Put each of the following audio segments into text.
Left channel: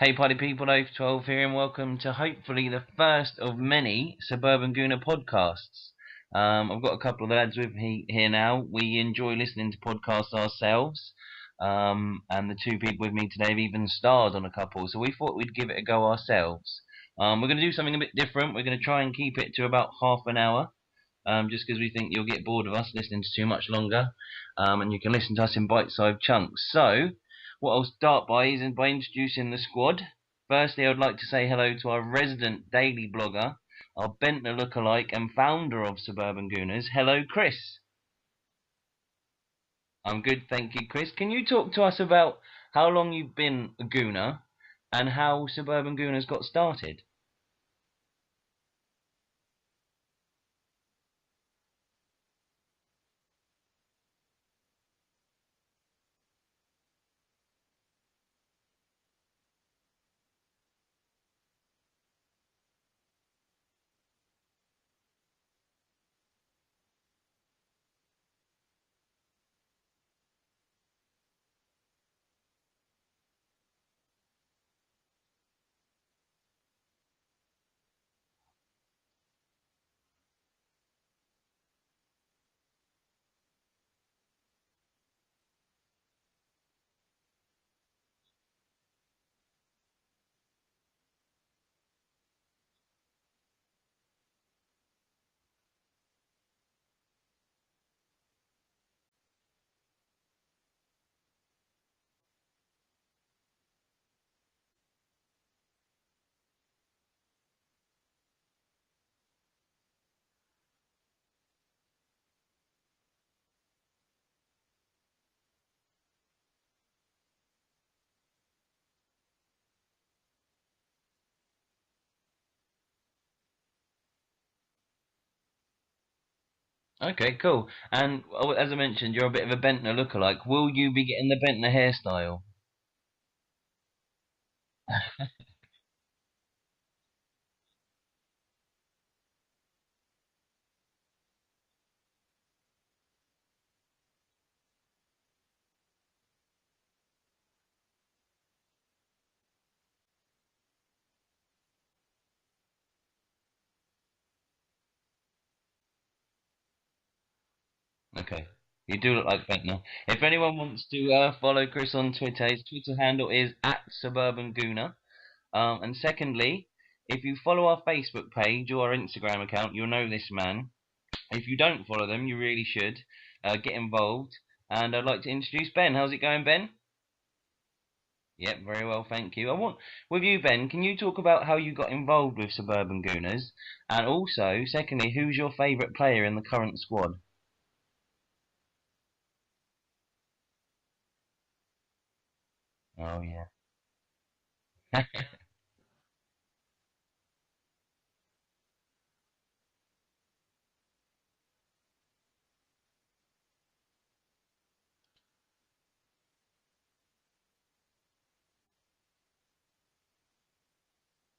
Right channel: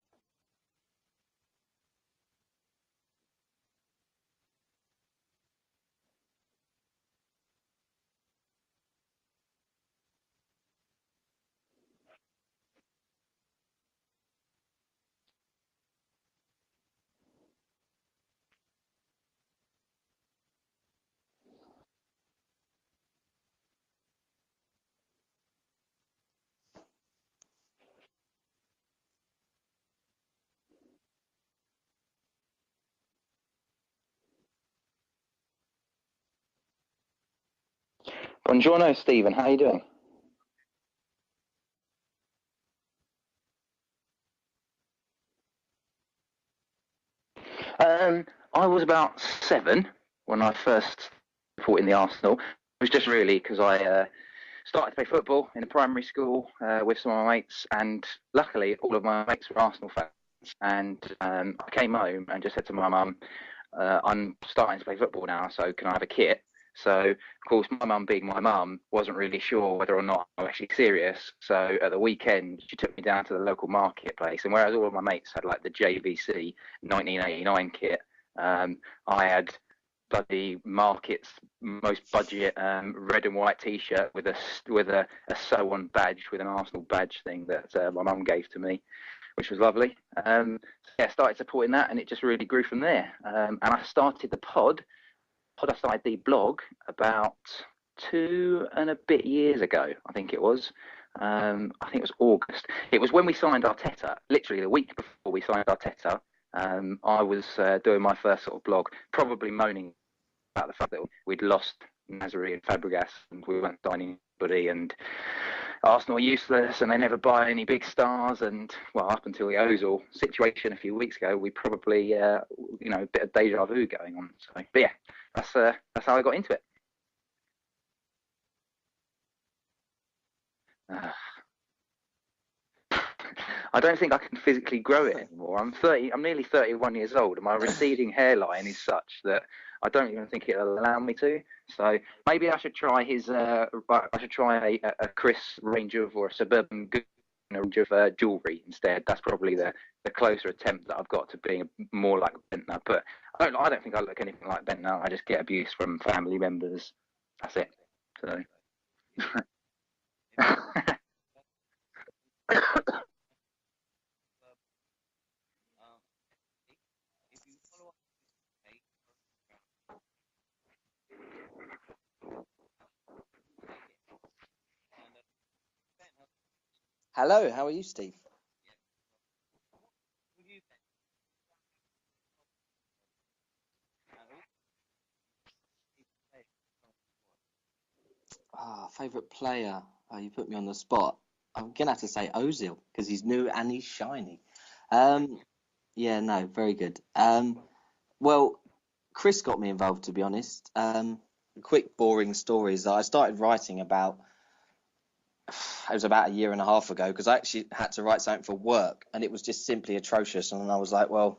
Hey party people, Oath 12 here and welcome to hopefully the first of many Suburban Gooner podcasts. I've got a couple of lads with me here now. We enjoy listening to podcasts ourselves, and the two people with me today have even starred on a couple, so we thought we'd give it a go ourselves. We're going to do something a bit different. We're going to try and keep it to about half an hour, just because we think you'll get bored of us listening to too much longer, and you can listen to us in bite-sized chunks. So, what I'll start by is by introducing the squad. Firstly, I would like to say hello to our resident daily blogger, our Bentner lookalike and founder of Suburban Gooners. Hello, Chris. Buongiorno, Stephen. How are you doing? I'm good, thank you, Chris. Can you talk to us about how long you've been a Gooner and how Suburban Gooners got started? I was about 7 when I first fought in the Arsenal. It was just really because I started to play football in a primary school with some of my mates, and luckily all of my mates were Arsenal fans. And I came home and just said to my mum, I'm starting to play football now, so can I have a kit? So, of course, my mum, being my mum, wasn't really sure whether or not I was actually serious. So, at the weekend, she took me down to the local marketplace. And whereas all of my mates had like the JVC 1989 kit, I had bloody Market's most budget red and white T-shirt with a sew-on badge with an Arsenal badge thing that my mum gave to me, which was lovely. I started supporting that, and it just really grew from there. And I started the pod. I started the blog about 2 and a bit years ago, I think it was. I think it was August. It was when we signed Arteta, literally the week before we signed Arteta. I was doing my first sort of blog, probably moaning about the fact that we'd lost Nasri and Fabregas and we weren't signing anybody, and Arsenal are useless and they never buy any big stars. And well, up until the Ozil situation a few weeks ago, we probably, a bit of deja vu going on. So, but yeah, that's how I got into it. Okay, cool. And as I mentioned, you're a bit of a Bentner lookalike. Will you be getting the Bentner hairstyle? I don't think I can physically grow it anymore. I'm 30. I'm nearly 31 years old, and my receding hairline is such that I don't even think it'll allow me to. So maybe I should try I should try a Chris range of or a Suburban Gooner range of jewellery instead. That's probably the closer attempt that I've got to being more like Bentner. But I don't think I look anything like Bentner. I just get abuse from family members. That's it. Okay. You do look like Bentner. If anyone wants to follow Chris on Twitter, his Twitter handle is @SuburbanGooner. And secondly, if you follow our Facebook page or our Instagram account, you'll know this man. If you don't follow them, you really should. Get involved. And I'd like to introduce Ben. How's it going, Ben? Hello, how are you, Steve? Yep, very well, thank you. With you, Ben, can you talk about how you got involved with Suburban Gooners? And also, secondly, who's your favourite player in the current squad? Favourite player? You put me on the spot. I'm gonna have to say Ozil because he's new and he's shiny. Yeah, no, very good. Well, Chris got me involved, to be honest. Quick, boring stories. I started writing it was about a year and a half ago because I actually had to write something for work and it was just simply atrocious. And I was like, well,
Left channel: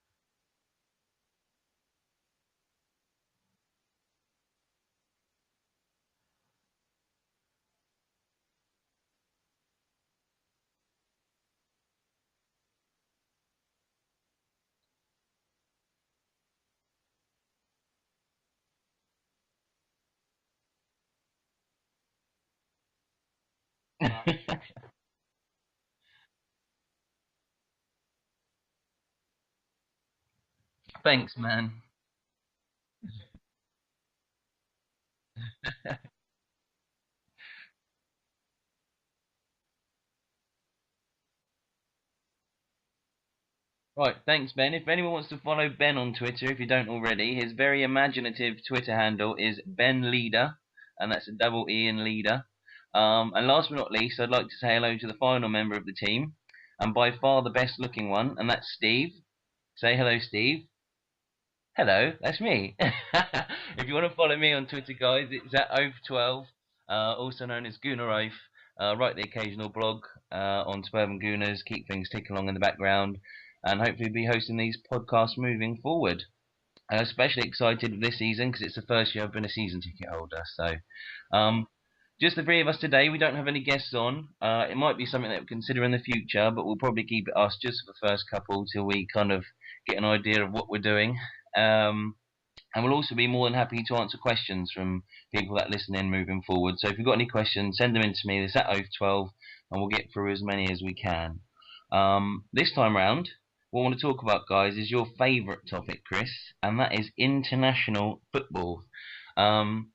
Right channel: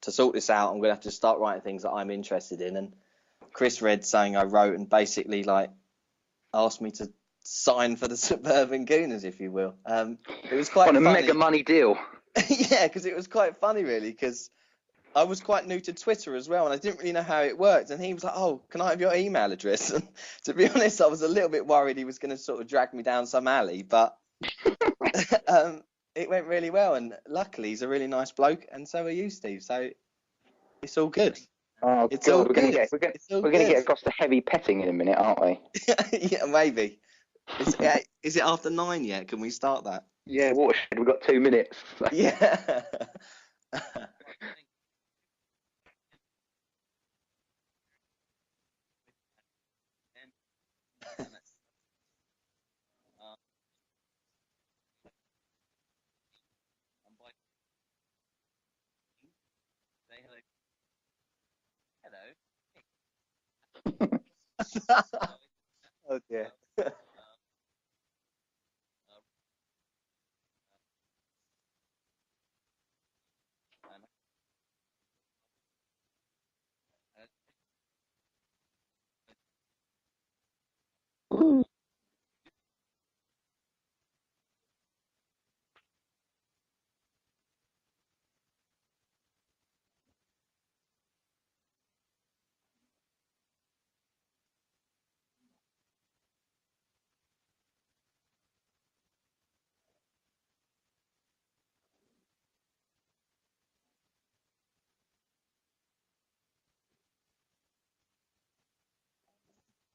to sort this out, I'm going to have to start writing things that I'm interested in. And Chris read something I wrote and basically asked me to sign for the Suburban Gooners, if you will. It was quite on a funny. mega money deal. Yeah, because it was quite funny, really, because I was quite new to Twitter as well, and I didn't really know how it worked. And he was like, "Oh, can I have your email address?" And to be honest, I was a little bit worried he was going to sort of drag me down some alley, but it went really well. And luckily, he's a really nice bloke, and so are you, Steve. So it's all Thanks, good. man. Oh, It's God, all we're going good. to get across to heavy petting in a minute, aren't we? Yeah, maybe. Is it after 9 yet? Can we start that? Yeah, watershed. We've got 2 minutes. Yeah. Right, thanks, Ben. If anyone wants to follow Ben on Twitter, if you don't already, his very imaginative Twitter handle is Ben Leader, and that's a double E in Leader. And last but not least, I'd like to say hello to the final member of the team, and by far the best looking one, and that's Steve. Say hello, Steve. Hello, that's me. If you want to follow me on Twitter, guys, it's @Oath12, also known as Gooner Oath. Write the occasional blog on Suburban Gooners, keep things ticking along in the background, and hopefully be hosting these podcasts moving forward. Especially excited this season because it's the first year I've been a season ticket holder. So, just the three of us today. We don't have any guests on. It might be something that we'll consider in the future, but we'll probably keep it us just for the first couple till we kind of get an idea of what we're doing. And we'll also be more than happy to answer questions from people that listen in moving forward. So if you've got any questions, send them in to me. It's at Oath 12, and we'll get through as many as we can. This time round, what I want to talk about, guys, is your favourite topic, Chris, and that is international football. Um,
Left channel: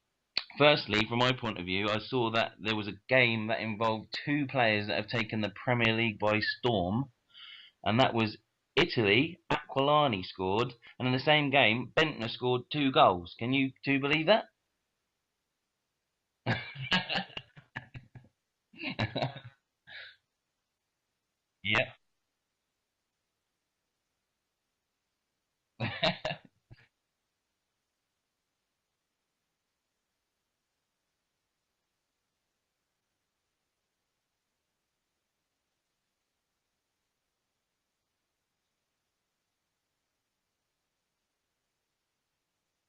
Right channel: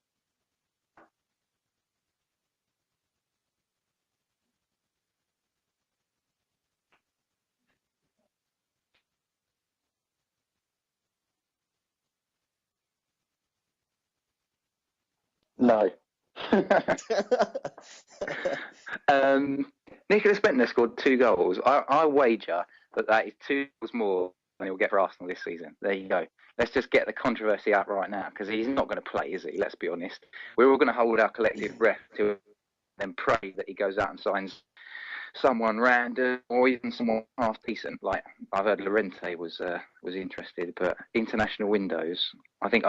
Firstly, from my point of view, I saw that there was a game that involved two players that have taken the Premier League by storm, and that was Italy. Aquilani scored, and in the same game, Bentner scored 2 goals. Can you two believe that? No. Nicholas Bentner scored 2 goals. Yeah. I wager that is 2 goals more than he'll get for Arsenal this season. There you go. Let's just get the controversy out right now, because he's not going to play, is he? Let's be honest. We're all going to hold our collective breath to then pray that he goes out and signs someone random or even someone half decent. Like I've heard Llorente was interested, but international windows. I think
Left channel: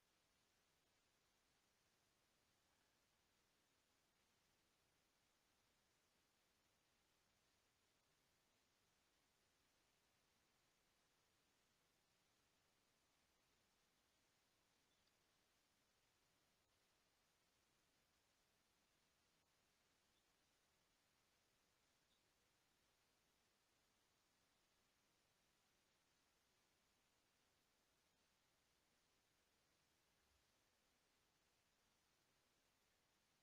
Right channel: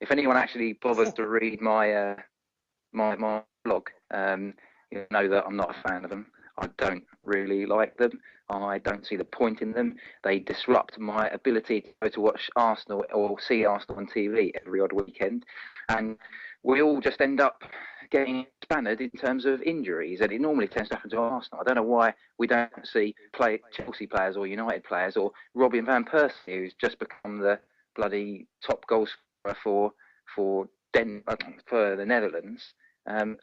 if anyone actually bothers to read my my blog, you know that I'm not a fan of them. I don't really like them. I don't see the point in them. They disrupt my ability to go to watch Arsenal or see Arsenal on TV every odd weekend, and we all just end up getting spanned in terms of injuries, and it normally tends to happen to Arsenal. I don't know why we don't see Chelsea players or United players or Robin van Persie, who's just become the bloody top goal scorer for the Netherlands.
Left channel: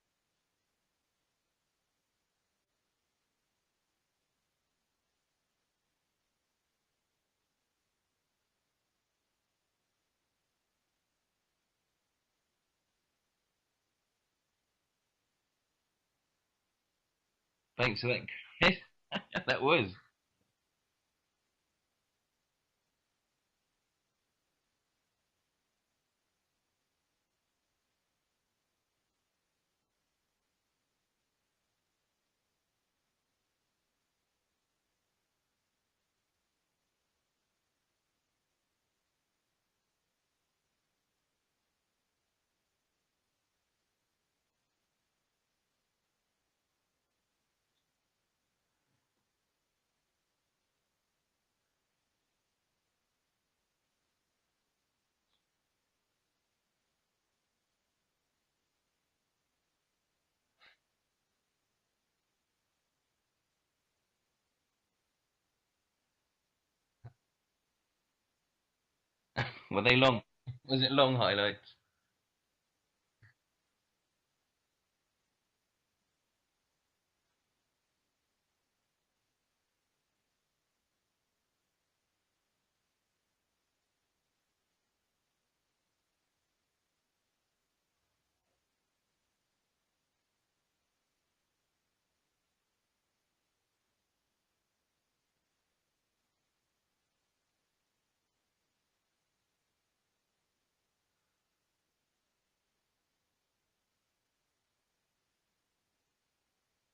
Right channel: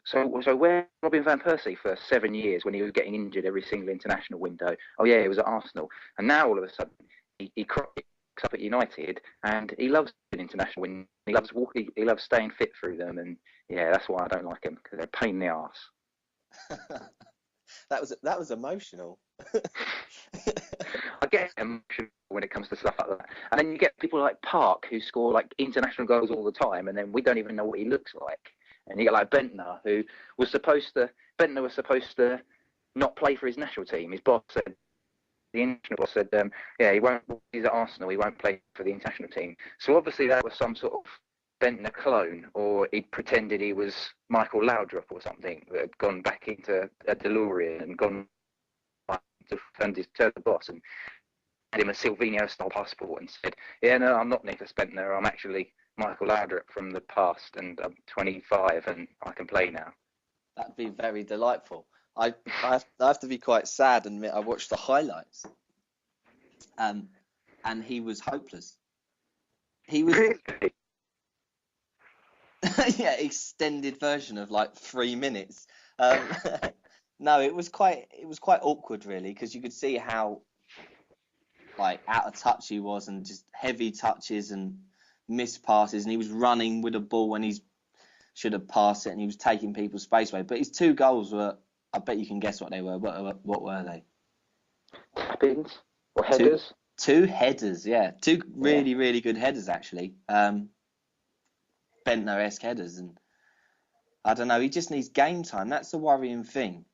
So where Robin van Persie for 7 years when he was getting injured every single international window? Oh yeah, he was at Arsenal, and now all of a sudden he crocks up at United, and he loves an international win. He loves walking. He loves staying fit through them, and yeah, that's why I don't like him, because they're a pain in the arse. That was emotional. That was. I get emotional when it comes to stuff like that, and then you get people like Park who score like international goals all the time, and then we don't even know what he looks like. And you get like Bentner, who was supposed to not play for his national team. His boss said, the international boss said, yeah, he's at Arsenal, he won't play for the international team. So obviously that was some sort of Bentner clone, or he pretended he was Michael Laudrup or something, that had gone back into a DeLorean and gone to turned the boss and had him a Silvino-style passport and said, yeah, no, I'm not Nicholas Bentner, I'm actually Michael Laudrup from the past, and I'm 25 and I can play now. That'd be very delightful. I have to be quite sad and admit I watched the highlights, and he was hopeless. Were they long? Was it long highlights? Yeah, extended version of like 3 minutes. No, it was quite awkward really, because you could see how like out of touch he was, and just heavy touches and missed passes, and he was running with a ball when he should have passed it, and he was taking people's space away. But his 2 goals were, I bet you can guess what they were. What were they? Tappings or headers? Two headers, yeah. 2 really good headers actually. Bentner-esque headers, and I don't know. He just needs game time. That's the worrying thing.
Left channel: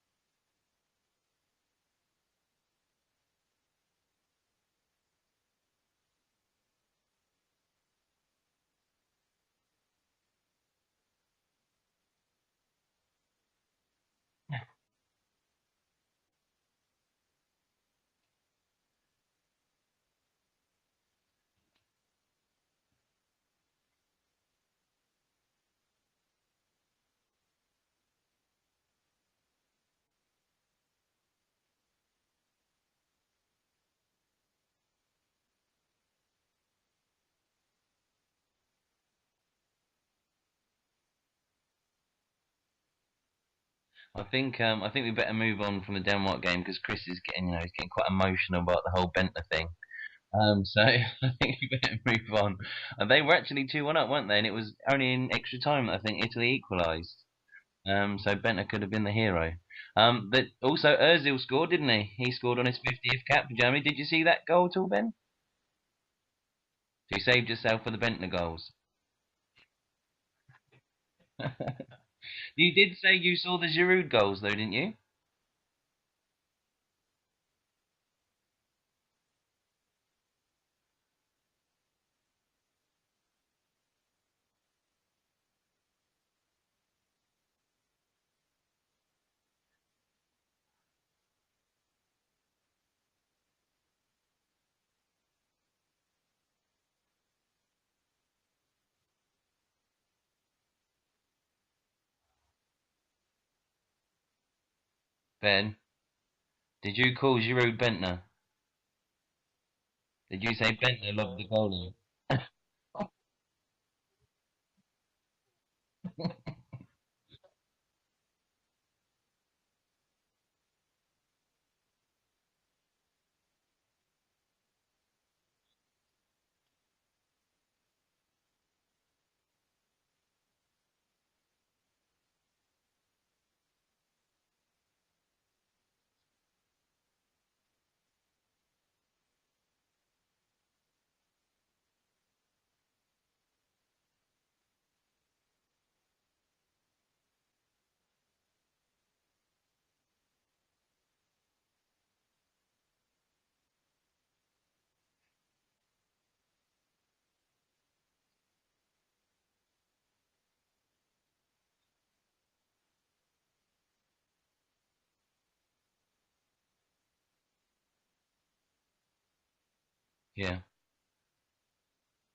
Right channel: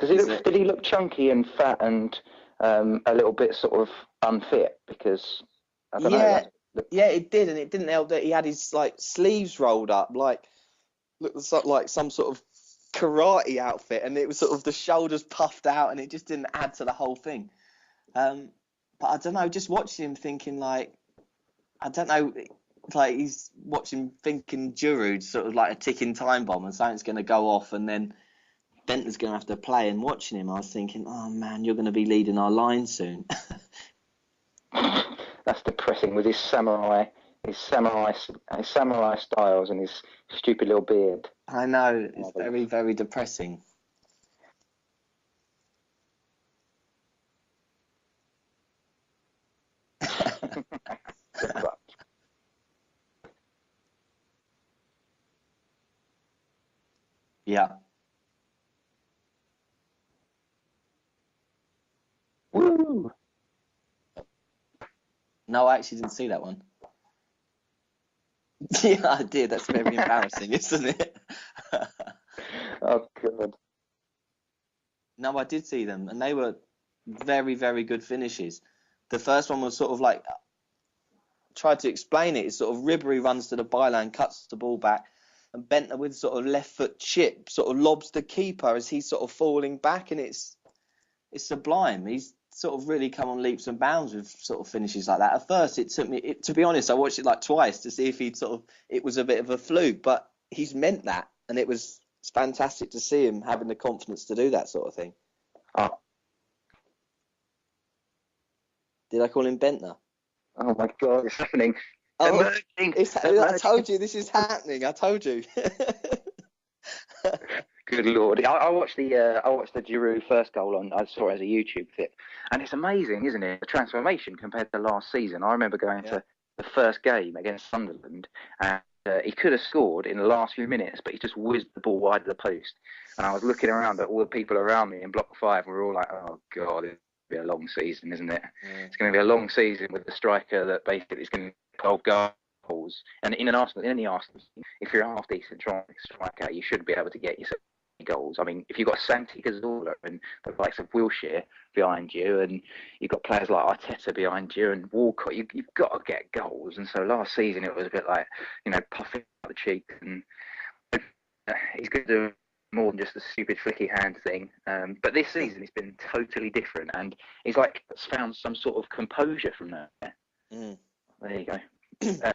Did he look chunky and fat and a little bit sort of unfit? Because I don't know. Yeah, it did, and it didn't help that he had his like sleeves rolled up, looked like some sort of karate outfit, and it was sort of the shoulders puffed out, and it just didn't add to the whole thing. But I don't know, just watching him thinking like, I don't know, like he's watching thinking Giroud's sort of like a ticking time bomb, and something's going to go off, and then Bentner's going to have to play. And watching him, I was thinking, oh man, you're going to be leading our line soon. That's depressing, with his samurai styles and his stupid little beard. I know, it's very, very depressing. I think we better move on from the Denmark game, because Chris is getting quite emotional about the whole Bentner thing. So I think we better move on. And they were actually 2-1 up, weren't they? And it was only in extra time that I think Italy equalised. Yeah. So Bentner could have been the hero. But also Özil scored, didn't he? He scored on his 50th cap for Germany. Did you see that goal at all, Ben? No, I actually didn't see that one. You saved yourself for the Bentner goals. Yeah, I did. That's very embarrassing, isn't it? You did say you saw the Giroud goals, though, didn't you? No, I did see them, and they were very, very good finishes. The first one was sort of like, tried to explain it. It's sort of Ribery runs to the byline, cuts the ball back, and Bentner with sort of left foot chip sort of lobs the keeper as he's sort of falling back, and it's sublime. He's sort of really come on leaps and bounds with sort of finishes like that. At first, it took me, to be honest, I watched it like twice to see if it was a bit of a fluke, but he's meant that, and it's fantastic to see him having the confidence to do that sort of thing. Ben, did you call Giroud Bentner? Did I call him Bentner? Did you say Oh my Bentner? God, it's happening. Oh, I told you this is happening. I told you. Good Lord! I watched the Giroud first goal on. I saw it as a YouTube clip, and it's amazing, isn't it? The transformation compared to last season. I remember going to the first game against Sunderland, and he could have scored in the last few minutes, but he just whizzed the ball wide of the post. And I was looking around at all the people around me in Block 5, and we were all like, "Oh God, it'll be a long season, isn't it? Yeah. It's going to be a long season with the striker that basically is going to 12 goals." And in any Arsenal, if you're a half decent striker, you should be able to get yourself goals. I mean, if you've got Santi Cazorla and the likes of Wilshere behind you, and you've got players like Arteta behind you and Walcott, you've got to get goals. And so last season it was a bit like, puffing out the cheeks, and he's going to do more than just the stupid flicky hand thing. But this season it's been totally different, and he's like found some sort of composure from there. Yeah. There you go.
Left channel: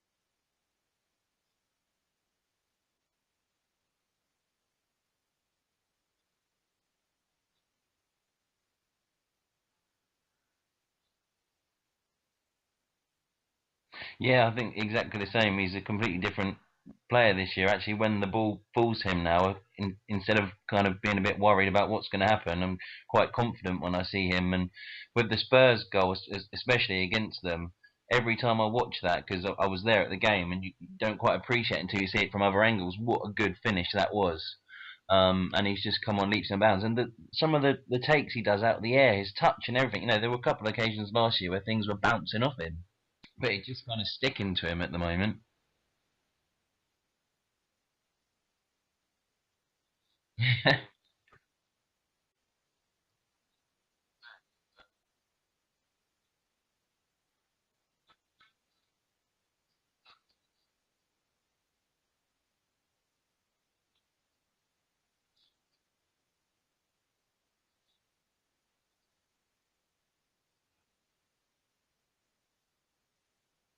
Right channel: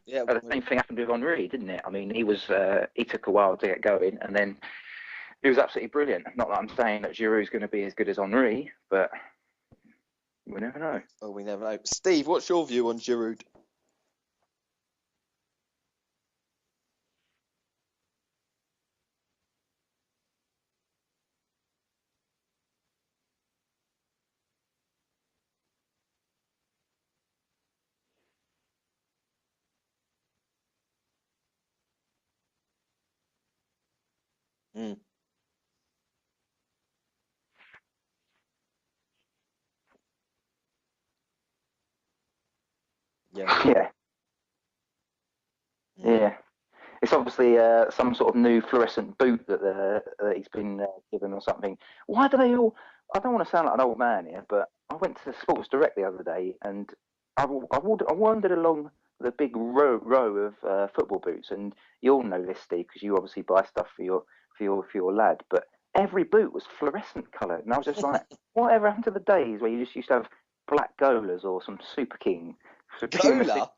Yeah, the same thing happened with Henry, didn't it? I mean, he took a while to get going, and then he was absolutely brilliant. Not that I'm saying that Giroud's going to be as good as Henry, but we never know. Oh, we never know. Steve, what's your view on Giroud? Yeah, I think exactly the same. He's a completely different player this year. Actually, when the ball falls him now, instead of kind of being a bit worried about what's going to happen, I'm quite confident when I see him. And with the Spurs goals, especially against them, every time I watch that, because I was there at the game, and you don't quite appreciate it until you see it from other angles, what a good finish that was. And he's just come on leaps and bounds. And some of the takes he does out of the air, his touch and everything, there were a couple of occasions last year where things were bouncing off him. Yeah. It's kind of sticking to him at the moment. Yeah. It's obviously some sort of new fluorescent boot that he's been given or something. Why do they all... I don't want to sound like an old man here, but I went to Sports Direct the other day, and I wandered along the big row of football boots, and you all know this, Steve, because you obviously buy stuff for your lad. But every boot was fluorescent coloured, and I was just like, whatever happened to the days where you just used to have black Golas or some Super King? Gola?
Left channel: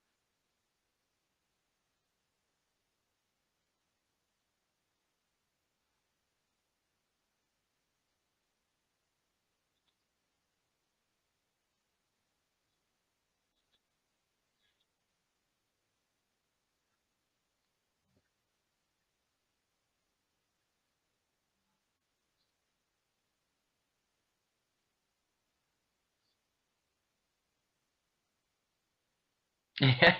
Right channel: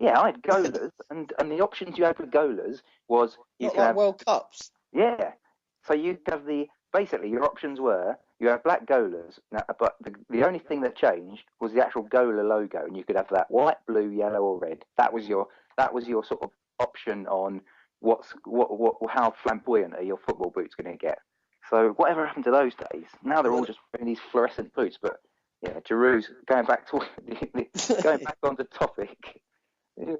Yeah, I had Golas, and the options you had with Golas was you Not could like have World Cups. yeah. So you have basically your options were you have black Golas, but the only thing that changed was the actual Gola logo, and you could have that white, blue, yellow, or red. That was your sort of option on how flamboyant are your football boots going to get. So whatever happened to those days? Now they're all just wearing these fluorescent boots. But yeah, Giroud's going back on the topic. Yeah.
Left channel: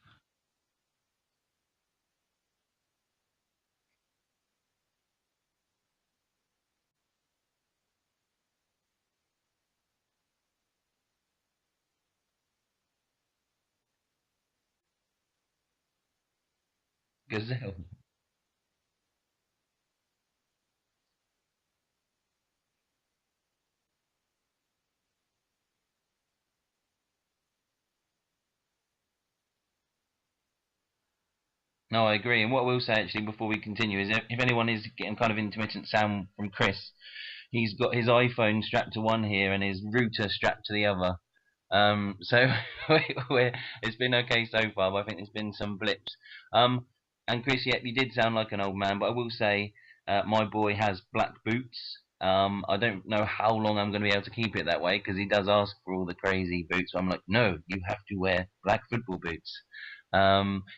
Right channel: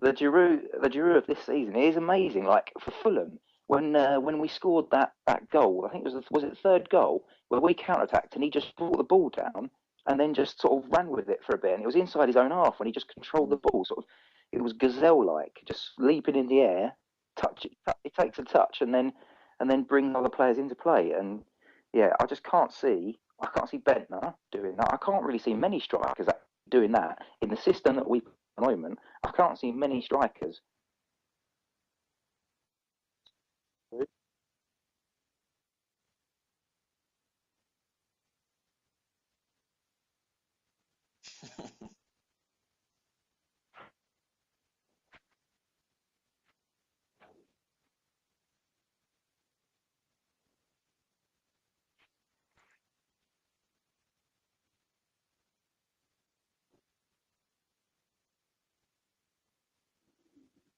The Giroud of this season is amazing. Like for Fulham, when we scored that goal, I think it was it the third goal where we counter-attacked and he just brought the ball down and then just sort of ran with it for a bit, and it was inside his own half when he just controlled the ball. Sort of, it was gazelle-like, just leaping in the air. He takes a touch and then brings other players into play. And yeah, I can't see Bentner doing that. I can't really see many strikers doing that in the system that we play at the moment. I can't see many strikers. No, I agree. And what I will say actually before we continue is if anyone is getting kind of intermittent sound from Chris, he's got his iPhone strapped to one here and his router strapped to the other. So it's been okay so far, but I think there's been some blips. And Chris, yeah, you did sound like an old man, but I will say my boy has black boots. I don't know how long I'm going to be able to keep it that way because he does ask for all the crazy boots. So I'm like, no, you have to wear black football boots.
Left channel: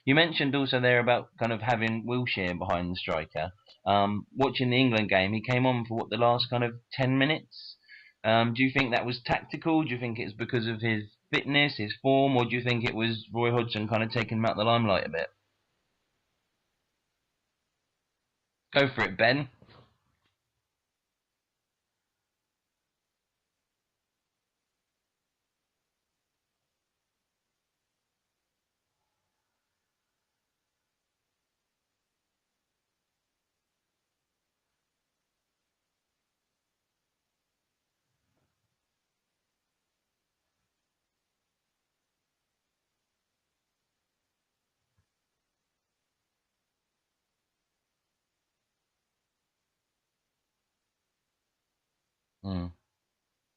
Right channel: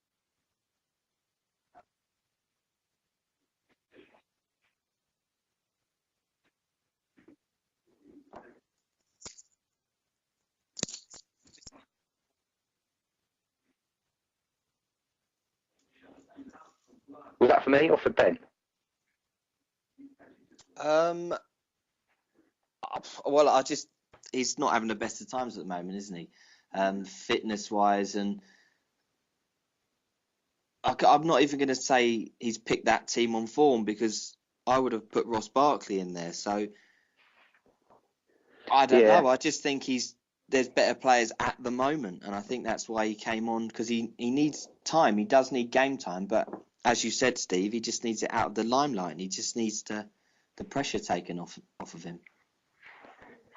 You mentioned also there about kind of having Wilshere behind the striker. Watching the England game, he came on for the last kind of 10 minutes. Do you think that was tactical? Do you think it's because of his fitness, his form, or do you think it was Roy Hodgson kind of taking him out the limelight a bit? Was that for me or for Ben? Go for it, Ben. Well, he's not having the best of times at the moment, isn't he? Fitness-wise, and I'm not even going to say he's picked that team on form because I would have put Ross Barkley in there. So I don't know. I just think he's there's better players at the moment, and I think that's why he came on, because he needs time. He does need game time, but as you said, Steve, he just needs it out of the limelight. He just needs the pressure taken off of him. Mm.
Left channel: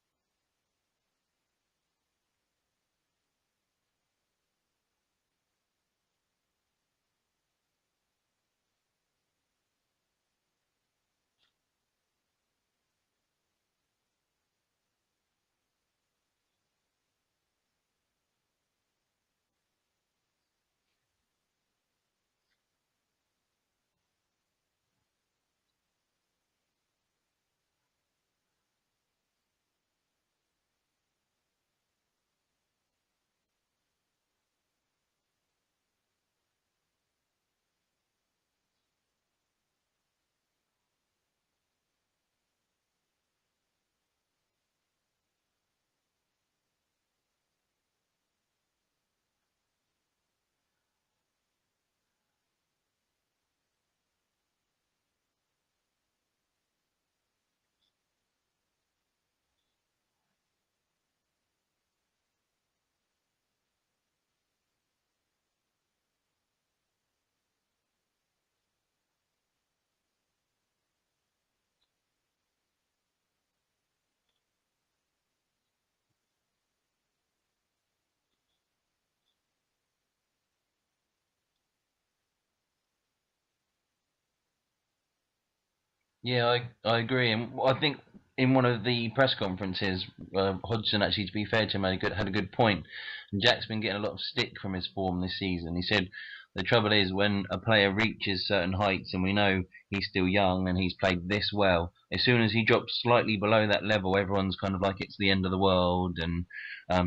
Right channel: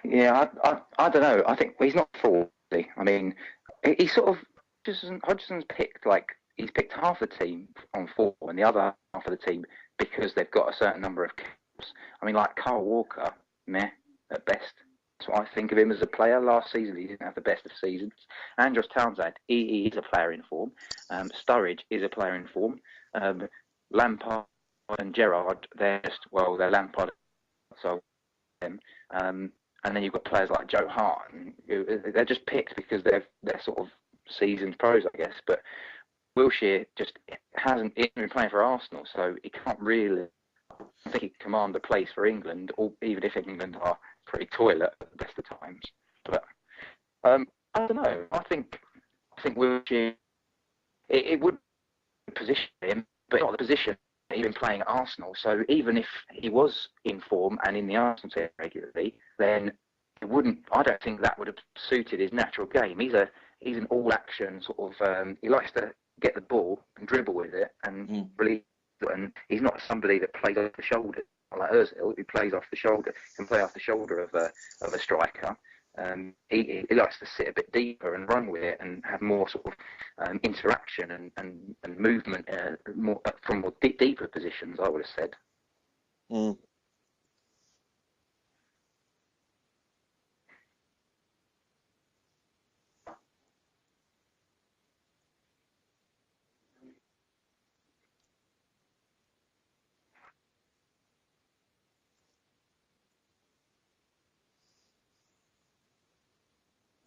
Yeah, I don't know. I think he's not 40. I mean, he sort of Hodgson's picked he's picked half the team on form and the other half of the team because they've got a certain number of caps. I mean, like Carl Walker, meh at best. That's what I think of him as a player. Last season, he didn't have the best of seasons. Andros Townsend, he is a player in form. Sturridge is a player in form. Lampard and Gerrard, they're Lampard, so them. And then you've got players like Joe Hart, who they're just picked because they're sort of seasoned pros, I guess. But Wilshere just hasn't been playing for Arsenal, so he can't really, I think, he can command a place for England, or even if England are pretty toilet at the best of times. But I don't know. I think Wilshere, it would position him, but not the position he's been playing at Arsenal. So even if he was in form and in the Arsenal team regularly, then it wouldn't. I don't think that would have suited his natural game. He's an all-action sort of. He likes to get the ball and dribble with it and release it. And he's not somebody that plays off the shoulder like Ozil. He plays off the shoulder, can play off the shoulder of a striker. He likes to sit a bit deeper and run with it and have more sort of interaction and movement more from more deeper positions, I would have said. Yeah, I agree, and I think in one of the press conferences, Hodgson actually, to be fair to him, had a good point. And Jack's been getting a lot of stick from his form this season. He said the trouble is when a player reaches certain heights, and we know he's still young and he's played this well, as soon as he drops slightly below that level, everyone's kind of like it's the end of the world, and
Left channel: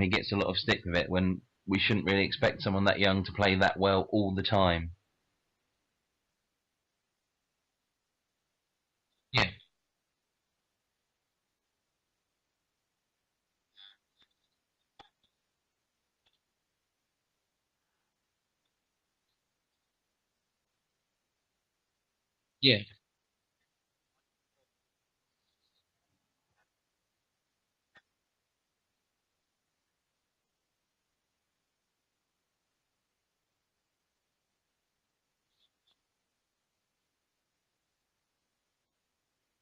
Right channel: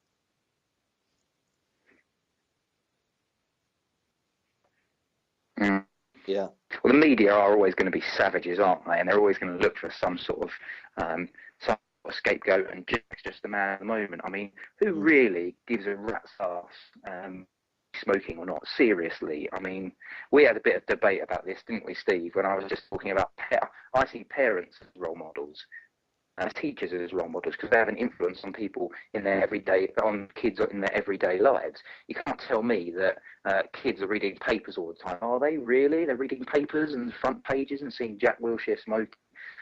he gets a lot of stick with it when we shouldn't really expect someone that young to play that well all the time. Mm. Yeah. Well, the media are always going to be savages, aren't they? And they're always going to look for some sort of scapegoat, and Jack's just the man at the moment. I mean, who really gives a rat's arse smoking or not? Seriously, I mean, we had a bit of debate about this, didn't we, Steve? When I was just talking about, I see parents as role models, as teachers as role models, because they have an influence on people in their on kids in their everyday lives. You can't tell me that kids are reading papers all the time. Are they really? They're reading papers and front pages and seeing Jack Wilshere smoking.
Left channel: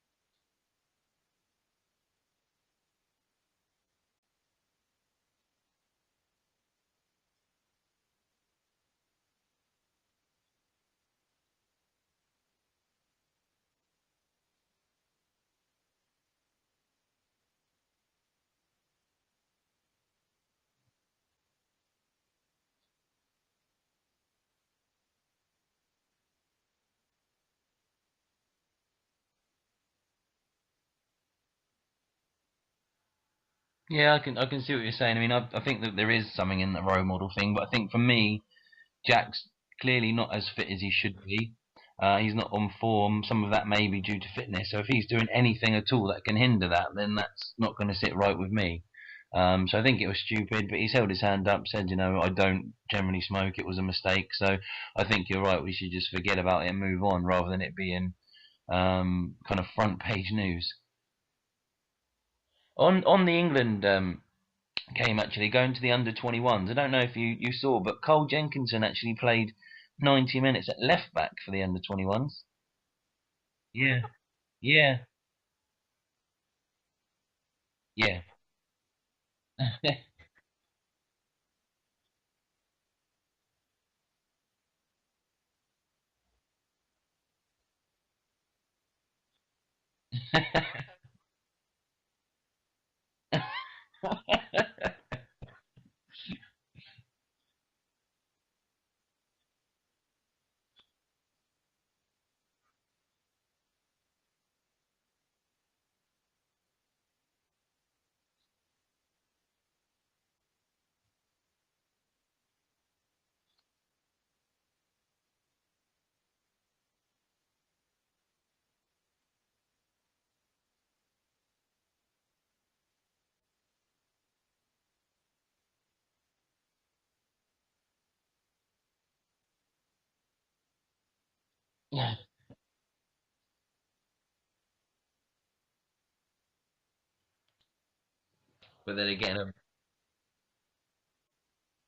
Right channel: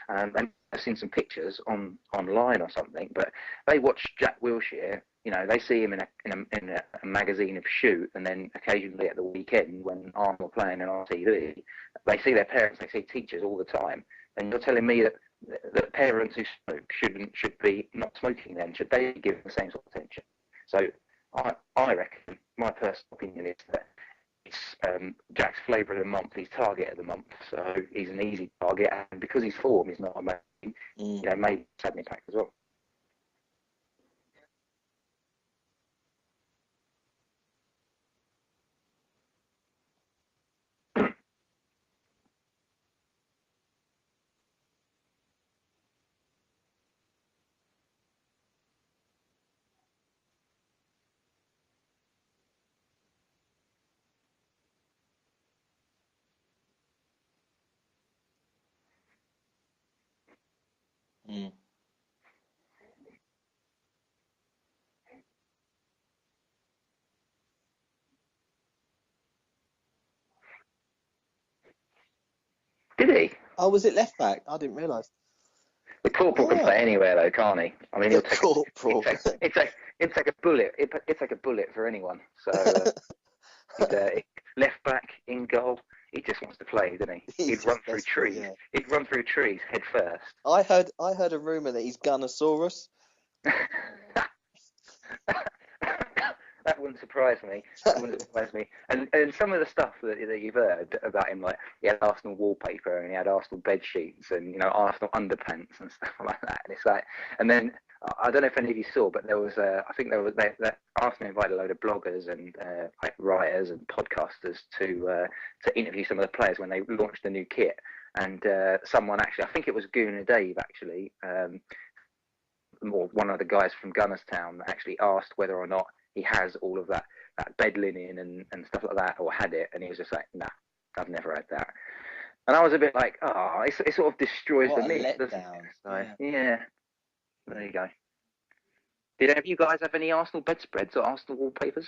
And I've seen some pictures online or something, but they watch Jack Wilshere. You know, they see him in a magazine of Shoot, and then occasionally at the weekend when Arsenal are playing on TV, they see their parents, they see teachers all the time. And you're telling me that parents who smoke should be not smoking then? Should they give the same sort of attention? So I reckon, my personal opinion is that it's Jack's flavour of the month, his target of the month. So he's an easy target, and because his form is not amazing, maybe it's had an impact as well. Yeah, I can see what you're saying. I mean, I think that there is something in the role model thing, but I think for me, Jack's clearly not as fit as he should be. He's not on form. Some of that may be due to fitness. So if he's doing anything at all that can hinder that, then that's not going to sit right with me. So I think it was stupid, but he's held his hand up, said, I don't generally smoke. It was a mistake. So I think you're right. We should just forget about it and move on, rather than it being kind of front page news. On the England game, actually going to the under-21s. I don't know if you saw, but Cole Jenkinson actually played 90 minutes at left back for the under-21s. Did he? Oh, was it left back? I didn't realise. The corporal can play anywhere, though, can't he? I mean, the corporal. It's like a bullet. It's like a bullet for anyone. So left back in goal. He just wants to play, doesn't he? He'd run through trees. Yeah. He'd run through trees head first. I heard a rumour that he's Gunnosaurus. That wouldn't surprise me. And some of the stuff that you've heard about him, like he had Arsenal wallpaper and he had Arsenal bed sheets and Arsenal underpants and stuff like that. And it's like, and then I don't know if any of you saw, but there was I think there was that Arsenal invited a load of bloggers and like writers and podcasters to interview some of the players when they launched the new kit. And someone actually, I think it was Gooner Dave actually, or one of the guys from Gunnerstown, actually asked whether or not he has all of that bed linen and stuff like that, or had it, and he was just like, nah, I've never had that. And I was a bit like, it sort of destroys the myth, doesn't it? So, yeah, there you go. But then Did any again, of you guys have any Arsenal bedspreads or Arsenal wallpapers?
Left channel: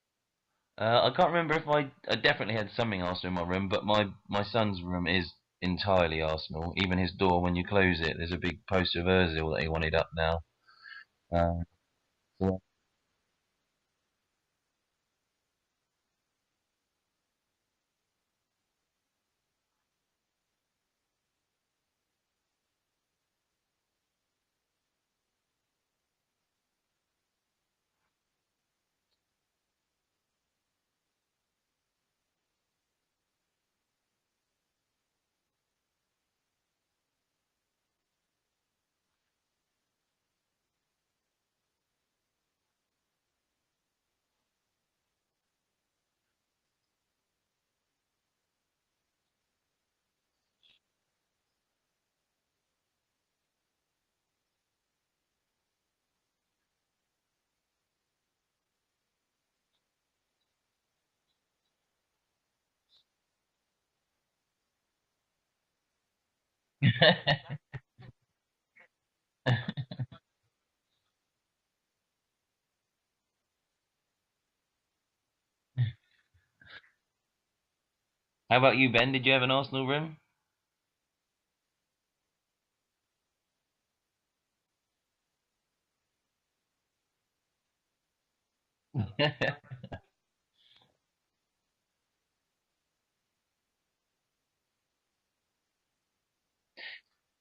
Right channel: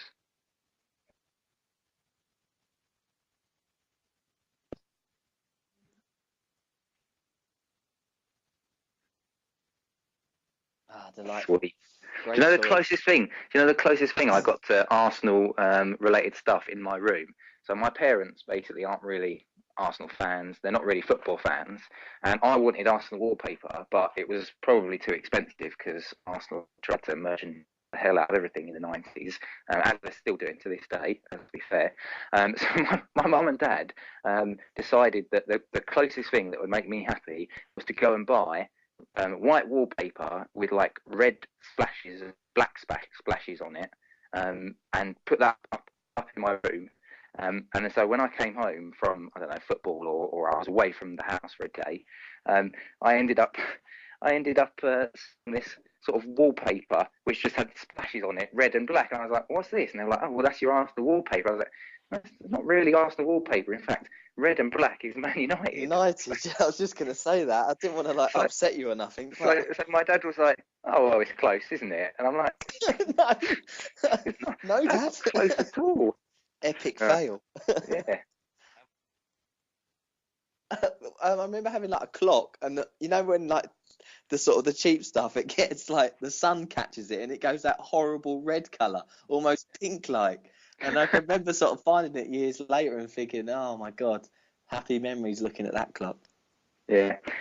I can't remember if I definitely had something Arsenal in my room, but my son's room is entirely Arsenal. Even his door, when you close it, there's a big poster of Ozil that he wanted up now. Ah, Um, delightful. Do Great you know the choice. closest thing? Do you know the closest thing I got to Arsenal related stuff in my room? So my parents basically aren't really Arsenal fans. They're not really football fans, and I wanted Arsenal wallpaper, but it was probably too expensive because Arsenal tried to merchant the hell out of everything in the 90s, as they're still doing to this day. To be fair, so my mum and dad decided that the closest thing that would make me happy was to go and buy white wallpaper with like red splashes and black splashes on it, and put that up in my room. And so when I came home from, I don't know, football, or I was away from the house for a day, um, I ended up seeing this sort of wallpaper which just had splashes on it, red and black. And I was like, "What's this?" And they were like, "Oh, well, that's your Arsenal wallpaper." I was like, "That's not really Arsenal wallpaper. In fact, red and black is Man United." United. I was just going to say that. I didn't want to So, upset you or nothing. so my dad was like, "Oh, well, it's close, isn't it?" And I'm like, No, "It's not, no, that's Dad. not close at all." Epic Uh, fail. yeah. how about you, Ben? Did you have an Arsenal room? I remember having like a clock, and you know when like the sort of the cheap stuff, it gets like the sun catches it and it goes that horrible red colour, almost pink like. And I can remember sort of finding it years later and thinking, oh my God, happy memories looking at that clock. Yeah. I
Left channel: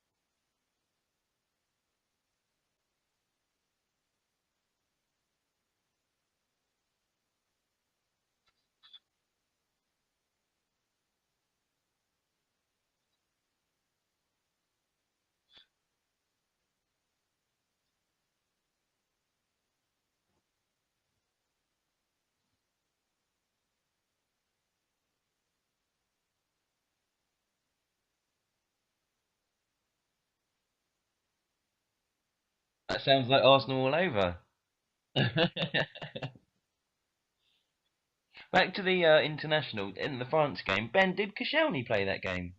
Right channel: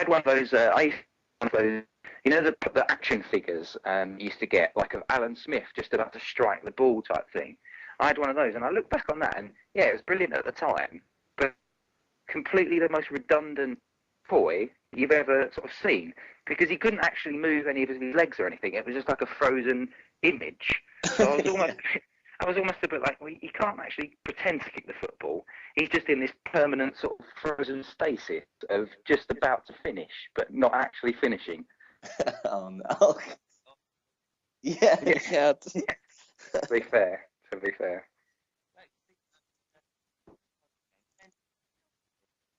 had one of those. I used to have one of those. You know the action figures you used to get, like of Alan Smith just about to strike the ball type thing. I had one of those, and I look back on that, and yeah, it was brilliant at the time, but completely the most redundant toy you've ever sort of seen, because he couldn't actually move any of his legs or anything. It was just like a frozen image. So I was almost, I was almost a bit like, well, he can't actually pretend to kick the football. He's just in this permanent sort of frozen stasis of just about to finish, but not actually finishing. Oh That no. sounds like Arsenal all over. Yeah, Yeah, yeah. to be fair, to be fair. Back to the international in the France game. Ben, did Koscielny play that game?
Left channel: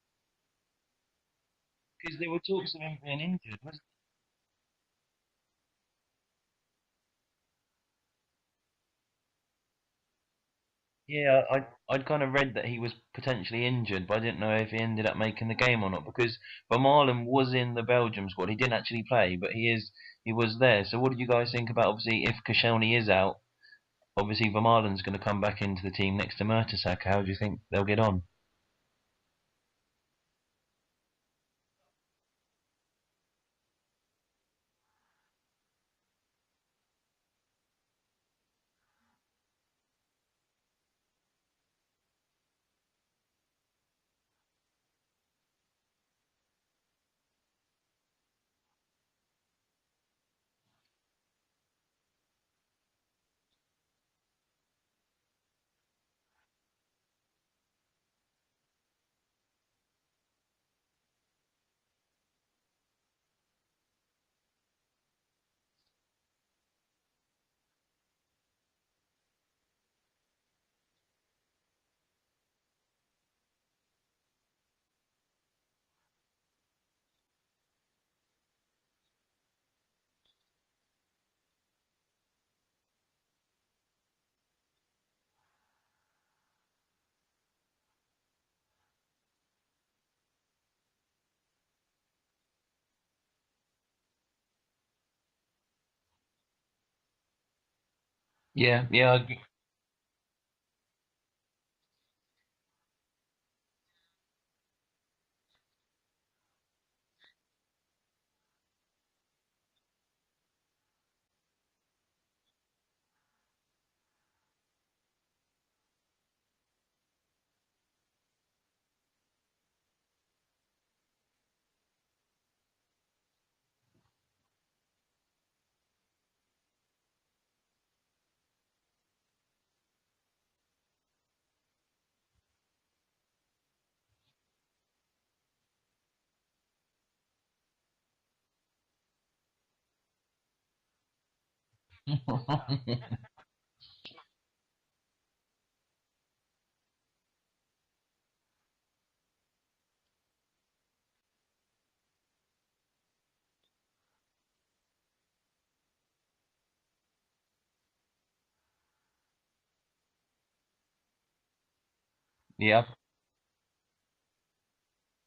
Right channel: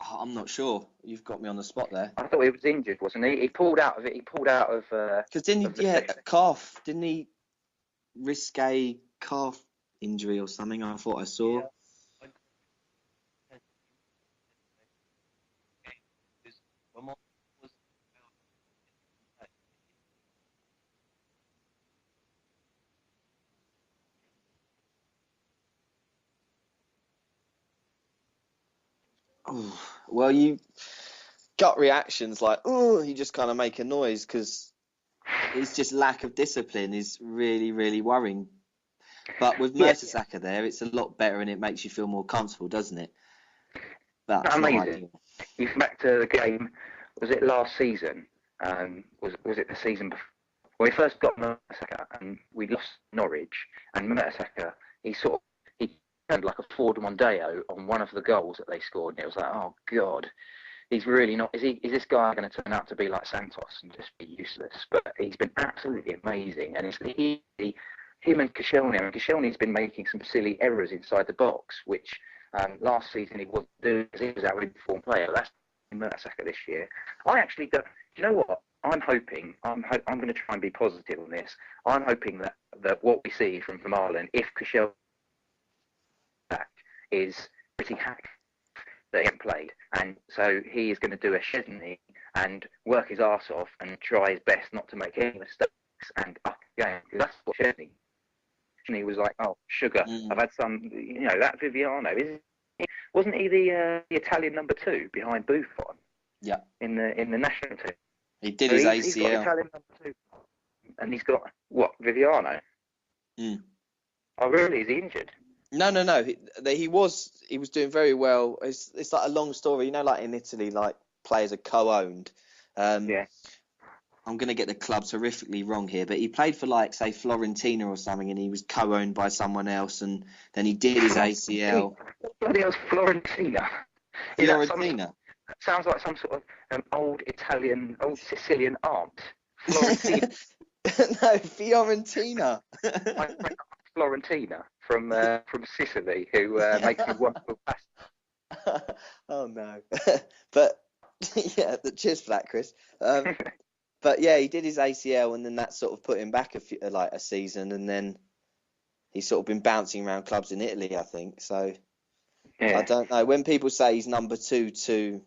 Oh, I'm not sure. You've got me on the spot there. Because I there were thought he was talks of injured, him being wasn't he? He injured. pulled out of it. He pulled out Because didn't he, of the yeah, session. that calf, didn't he risk a calf injury or something? I thought I Yeah, saw. I'd kind of read that he was potentially injured, but I didn't know if he ended up making the game or not. Because Vermaelen was in the Belgium squad. He didn't actually play, but he was there. So what did you guys think about, obviously, if Koscielny is out? Obviously, Vermaelen's going to come back into the team next to Mertesacker. How do you think they'll get on? Oh, well, you gut reactions like, oh, you just kind of make a noise because it's just lack of discipline is really, really worrying. But with Yeah, Mertesacker there, it's a lot better and it makes you feel more comfortable, doesn't it? But it's not amazing. ideal. You think back to the game, was it last season? Was it the season before? When we first got Mertesacker and we lost Norwich, and Mertesacker, he turned like a Ford Mondeo on one of the goals that they scored, and it was like, oh God, he's really not. Is this guy going to turn out to be like Santos and just be useless? But he's been absolutely amazing, and it's him and Koscielny. And Koscielny's been making some silly errors inside the box, which last season he wasn't doing because he was our informed player. That's Mertesacker this year. I actually don't. Do you know what? I'm hoping. I'm going to try and be positive on this. I'm hoping that what we see from Vermaelen, if Koscielny back, is pretty happy that he hasn't played, and so he is going to do a Chesney and work his arse off and try his best not to make any mistakes and up the game. Because that's what Chesney. Yeah, He yeah, was like, oh sugar, Mm. I've had some. That Viviano wasn't he the Italian number 2 behind Buffon? Yeah. In the national team. He did So his he's got ACL. Italian number 2, and he's got what, Viviano? Mm. Oh really? Is he injured? No. He was doing very well. It's like a long story, like in Italy, like players are co-owned. Yeah. I'm going to get the clubs horrifically wrong here, but he played for like say Florentina or something, and he was co-owned by someone else, and then he did his ACL. What bloody hell's Florentina? Is that Fiorentina. that sounds like some sort of old Sicilian aunt. Florentina. No, Fiorentina. My friend Florentina from Sicily, who makes me wonderful pasta. Oh no. But yeah, cheers for that, Chris. But yeah, he did his ACL, and then that sort of put him back a season, and then he's sort of been bouncing around clubs in Italy, I think. So Yeah. I don't know. When people say he's number 2 to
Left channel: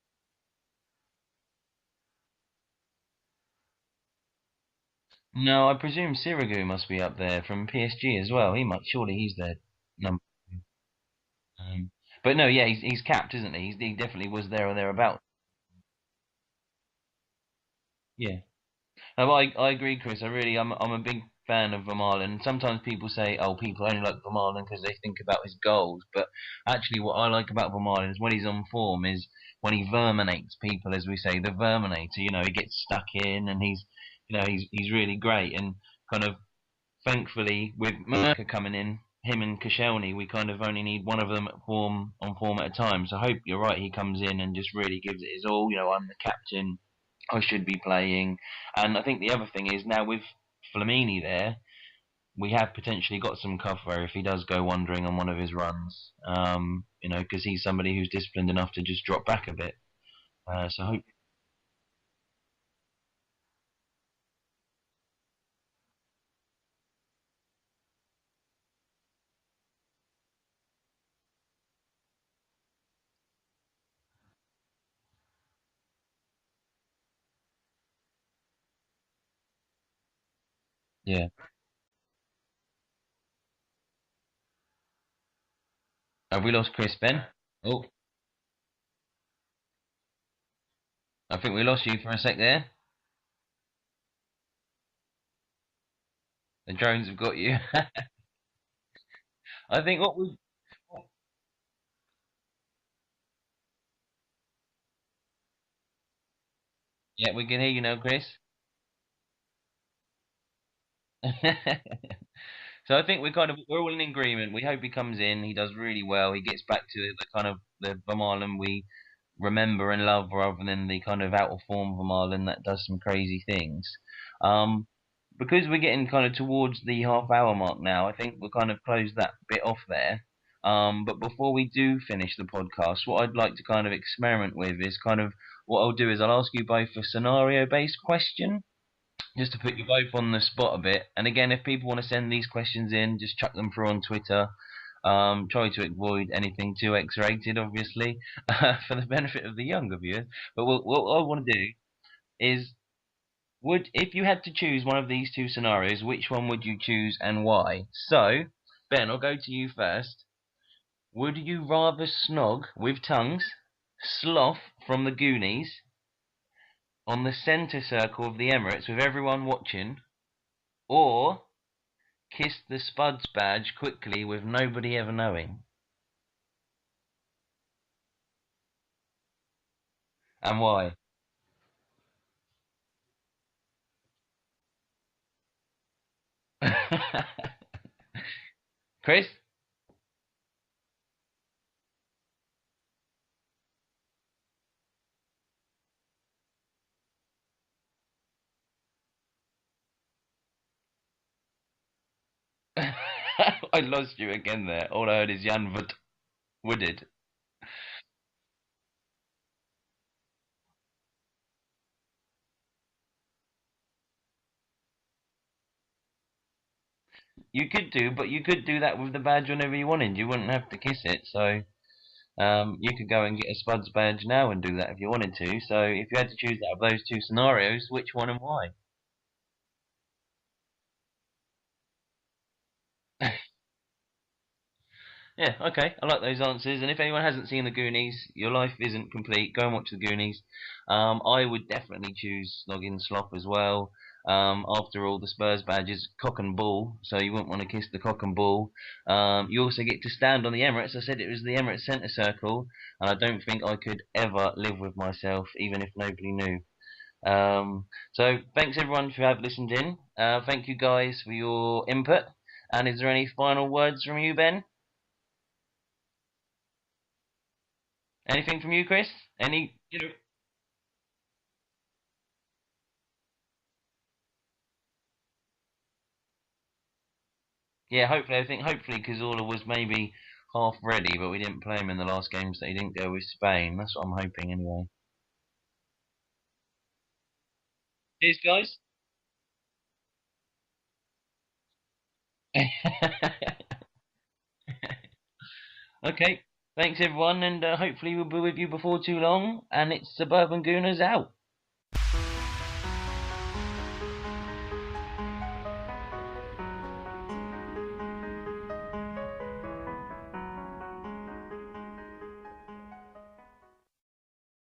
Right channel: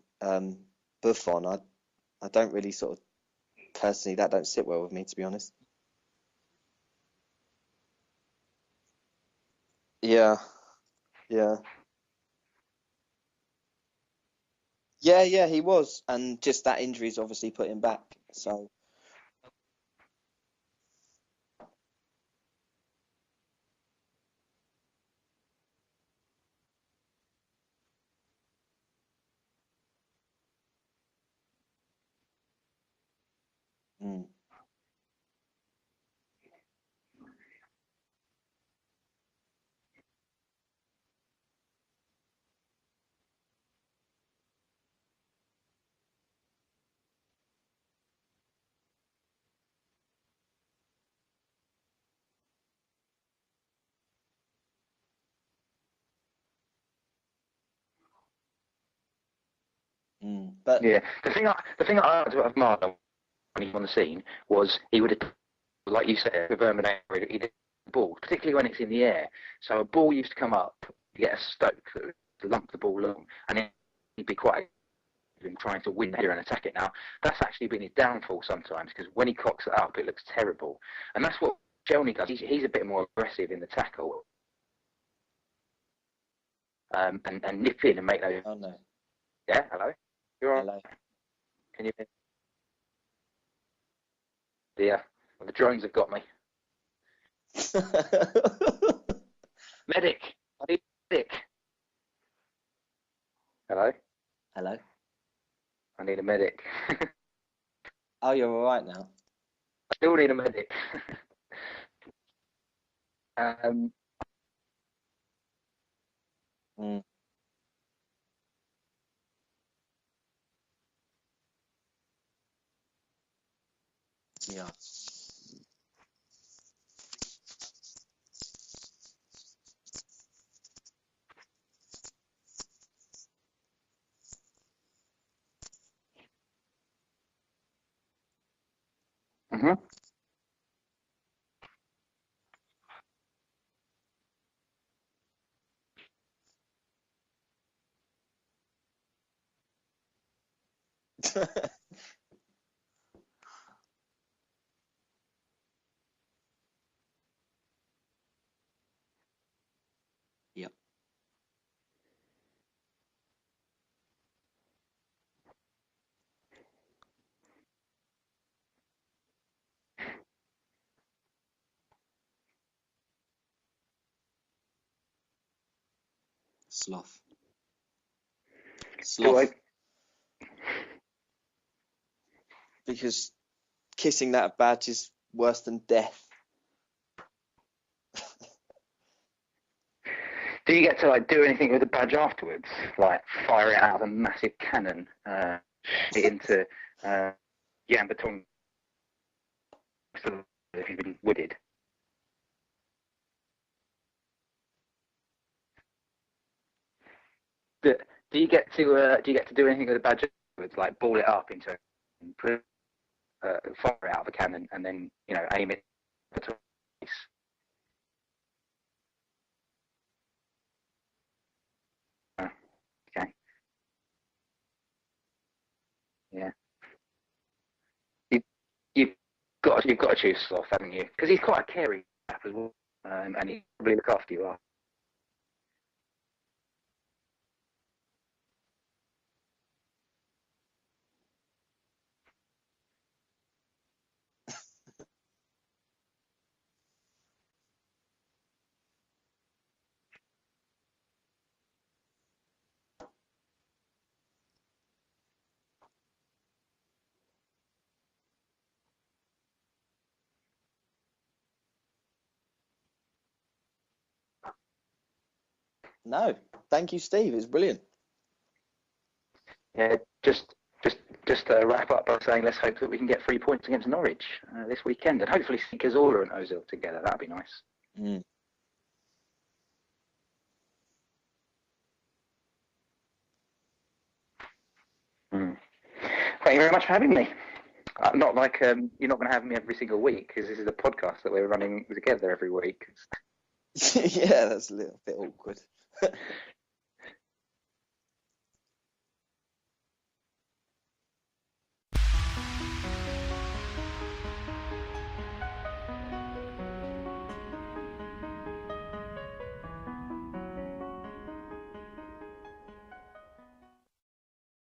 Buffon, I don't really sort of personally, that don't sit well with me, to be honest. No, I presume Sirigu must be up there from PSG as well. Surely he's their number. Yeah, yeah. But no, yeah, he's capped, isn't he? He definitely was there or thereabouts. Yeah, he was, and just that injury's obviously put him back. Yeah. So No, I agree, Chris. I'm a big fan of Vermaelen. Sometimes people say, oh, people only like Vermaelen because they think about his goals. But actually, what I like about Vermaelen is when he's on form is when he verminates people, as we say, the Verminator. You know, he gets stuck in, and he's really great. And kind of thankfully, with Merca coming in, him and Koscielny, we kind of only need one of them on form at a time. So I hope you're right. He comes in and just really gives it his all. You know, I'm the captain. I should be playing. And I think the other thing is now with Flamini there, we have potentially got some cover if he does go wandering on one of his runs. You know, because he's somebody who's disciplined enough to just drop back a bit. but Yeah, the thing I liked about Marlon when he was on the scene was he would have, like you said, with Verminator, he did the ball, particularly when it's in the air. So a ball used to come up, you get a stoke that would lump the ball long, and he'd be quite in trying to win here and attack it. Now that's actually been his downfall sometimes because when he cocks it up, it looks terrible, and Yeah. that's what Shelny does. He's a bit more aggressive in the tackle Have we lost Chris, Ben? and nip in and make those. oh no, Yeah, hello. You're all right? hello. I think we lost you for a sec there. Yeah, well, the drones have got me. The drones have got you. I think Medic. I need a medic. Hello. Hello. I need a medic. Yeah, we can hear you now, Chris. Oh, you're all right now. I still need a medic. So I think we're all in agreement. We hope he comes in. He does really well. He gets back to the kind of the Vermaelen we remember and love, rather than the kind of out of form Vermaelen that does some crazy things. Because we're getting kind of towards the half-hour mark now, I think we'll kind of close that bit off there. But before we do finish the podcast, what I'd like to kind of experiment with is kind of what I'll do is I'll ask you both a scenario-based question, just to put you both on the spot a bit. And again, if people want to send these questions in, just chuck them through on Twitter. Try to avoid anything too X-rated, obviously, for the benefit of the younger viewers. But what I want to do is, if you had to choose one of these two scenarios, which one would you choose and why? So, Ben, I'll go to you first. Yep. Would you rather snog with tongues, sloth from the Goonies, on the centre circle of the Emirates with everyone watching, or kiss the Spuds badge quickly with nobody ever knowing? Sloth. Do I? And why? Because kissing that badge is worse than death. Chris? Do you get to like do anything with the badge afterwards, like fire it out of a massive cannon into Yambaton if you've been wooded? I lost you again there. All I heard is Janvut wooded. Do you get to do anything with the badge afterwards, like ball it up into fire it out of a cannon and then aim it between? You could do, but you could do that with the badge whenever you wanted. You wouldn't have to kiss it. So you could go and get a Spuds badge now and do that if you wanted to. So if you had to choose out of those two scenarios, which one and why? You've got to choose Sloth, haven't you? Because he's quite a caring chap as well, and he probably look after you. Yeah, okay. I like those answers. And if anyone hasn't seen the Goonies, your life isn't complete. Go and watch the Goonies. I would definitely choose Snogging Slop as well. After all, the Spurs badge is cock and bull, so you wouldn't want to kiss the cock and bull. You also get to stand on the Emirates. I said it was the Emirates centre circle, and I don't think I could ever live with myself, even if nobody knew. So thanks everyone for having listened in. Thank you guys for your input. And is there any final words from you, Ben? No, thank you, Steve. It's brilliant. Anything from you, Chris? Yeah, just to wrap up by saying let's hope that we can get 3 points against Norwich this weekend, and hopefully see Cazorla and Ozil together. That'd be nice. Yeah, hopefully Cazorla was maybe half ready, but we didn't play him in the last games that he didn't go with Spain. That's what I'm hoping anyway. Thank you very much for having me. Not Cheers, like guys. you're not going to have me every single week because this is a podcast that we're running together every week. Yeah, that's a little bit awkward. Okay. Thanks, everyone, and hopefully we'll be with you before too long. And it's Suburban Gooners out.